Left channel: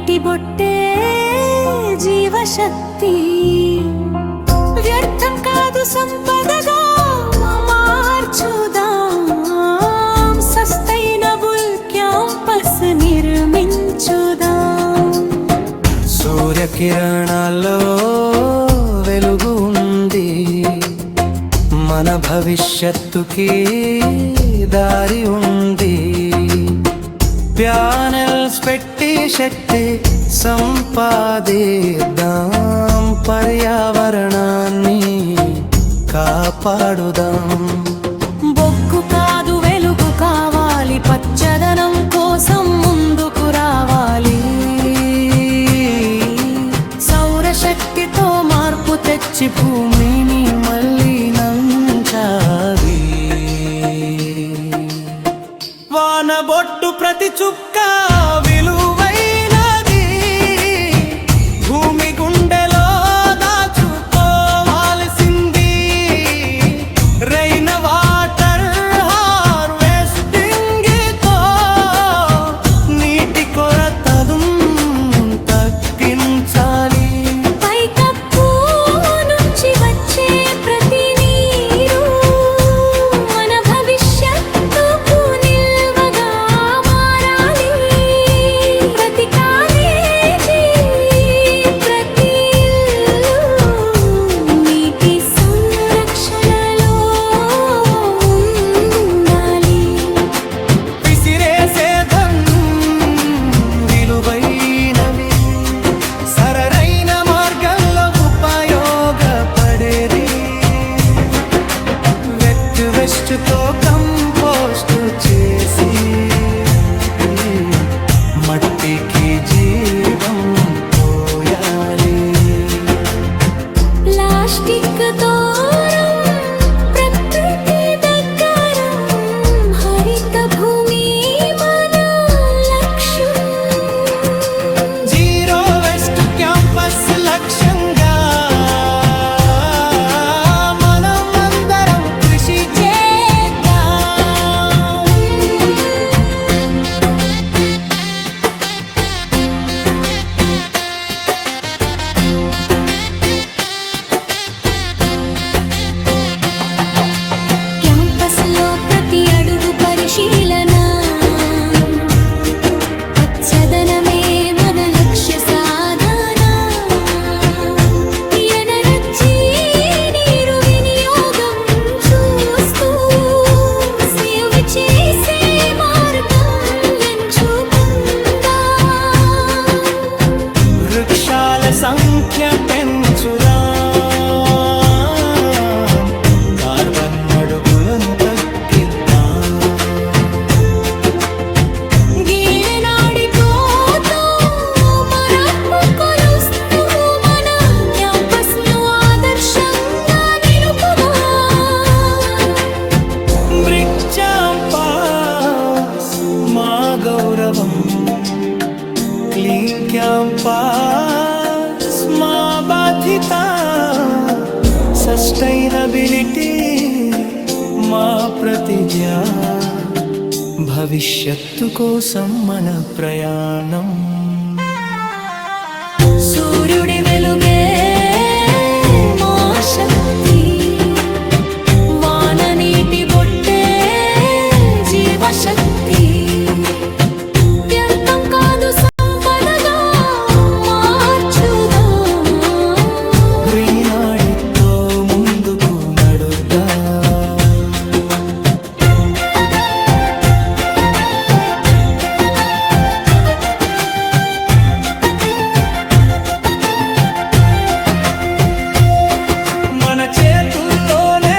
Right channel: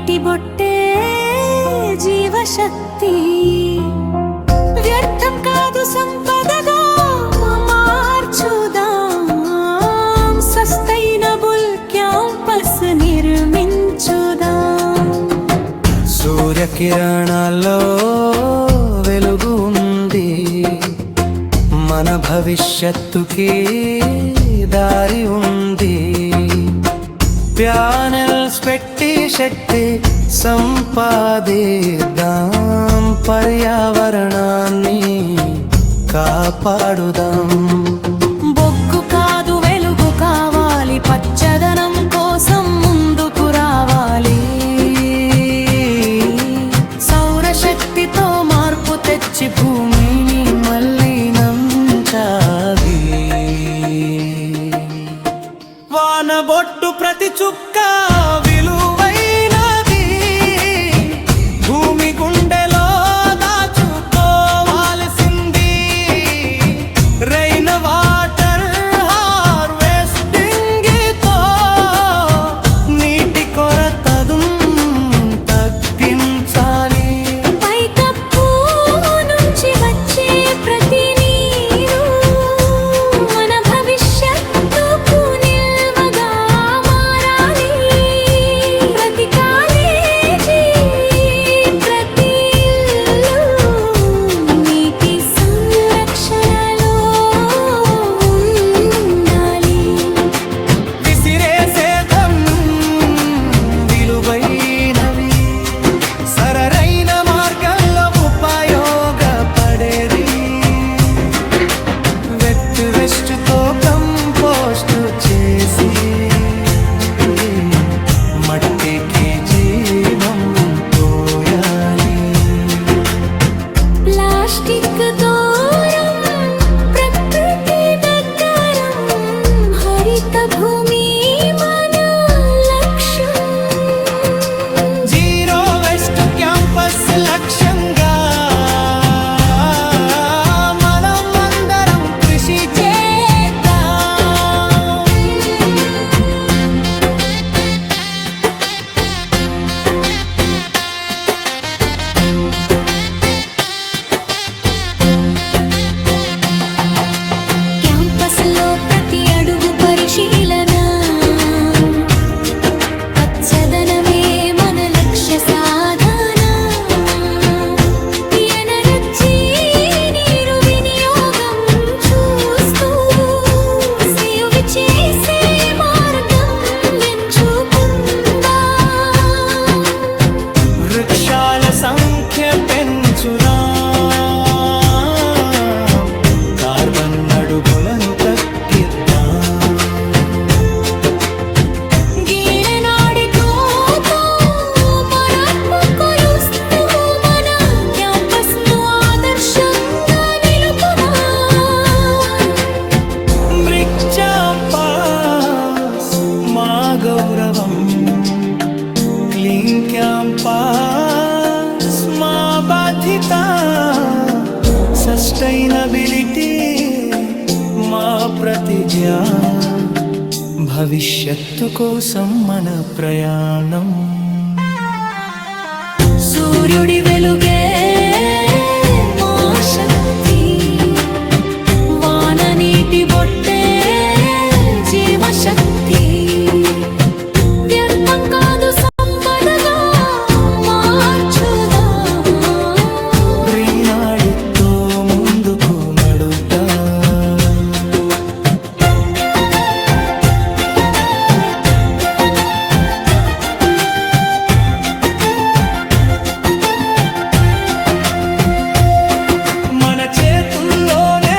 నీటి బొట్టే జీవశక్తి. వ్యర్థం కాదు సంపదగా మార్చుదాం, సస్టైనబుల్ క్యాంపస్ నిర్మించుదాం. సూర్యకిరణాల్లో వెలుగు ఉంది, మన భవిష్యత్తుకి దారి ఉంది. ప్యానెల్స్ పెట్టి శక్తి సంపాదిద్దాం, పర్యావరణాన్ని కాపాడుదాం. బొగ్గు కాదు వెలుగు కావాలి, పచ్చదనం కోసం ముందుకు రావాలి. సౌరశక్తితో మార్పు తెచ్చి భూమిని మళ్ళీ నంచాలి. వానబొట్టు ప్రతి చుక్క విలువైనది, భూమి గుండెలో దాచుకోవాల్సింది. రైన్ వాటర్ హార్వెస్టింగ్ తో నీటి కొరతను తగ్గించాలి. పైకప్పు నుంచి వచ్చే ప్రతి నీరు మన భవిష్యత్తుకు నిల్వగా మారాలి. ప్రతి కాలేజీ, ప్రతి ఇల్లు నీటి సంరక్షణలో ఉండాలి. విసిరేసేధం విలువైనవి, సరైన మార్గంలో ఉపయోగపడేది. వెట్ వెస్ట్తో కంపోస్ట్ చేసి మట్టికి జీవం పోయాలి. ప్లాస్టిక్ దూరం, ప్రకృతి దగ్గరం, హరిత భూమి మన లక్ష్యం. జీరో వెస్ట్ క్యాంపస్ లక్ష్యంగా మనం అందరం కృషి చేద్దాం. క్యాంపస్లో ప్రతి అడుగు పరిశీలన, పచ్చదనమే మన లక్ష్య సాధన. ఎనర్జీ నీరు వినియోగం చూస్తూ సేవ్ చేసే మార్గం ఎంచుకుందాం. వృక్షాల సంఖ్య పెంచుదాం, కార్బన్ అడుగులను తగ్గిద్దాం. గీననాడితో మార్పు కొలుస్తూ మన క్యాంపస్ను ఆదర్శంగా నిలుపుదాం. బ్రిక్ క్యాంపస్ మా గౌరవం, క్లీన్ క్యాంపస్ మా బాధ్యత. సస్టైనబిలిటీ మా ప్రతిజ్ఞ, భవిష్యత్తు కోసం మన ప్రయాణం. సూర్యుడి వెలుగే మా శక్తి, వాన నీటి బొట్టే జీవశక్తి. వ్యర్థం కాదు సంపదగా మార్చుదాం. గ్రీనాడితో ముందుకు నడుద్దాం. మన చేతుల్లోనే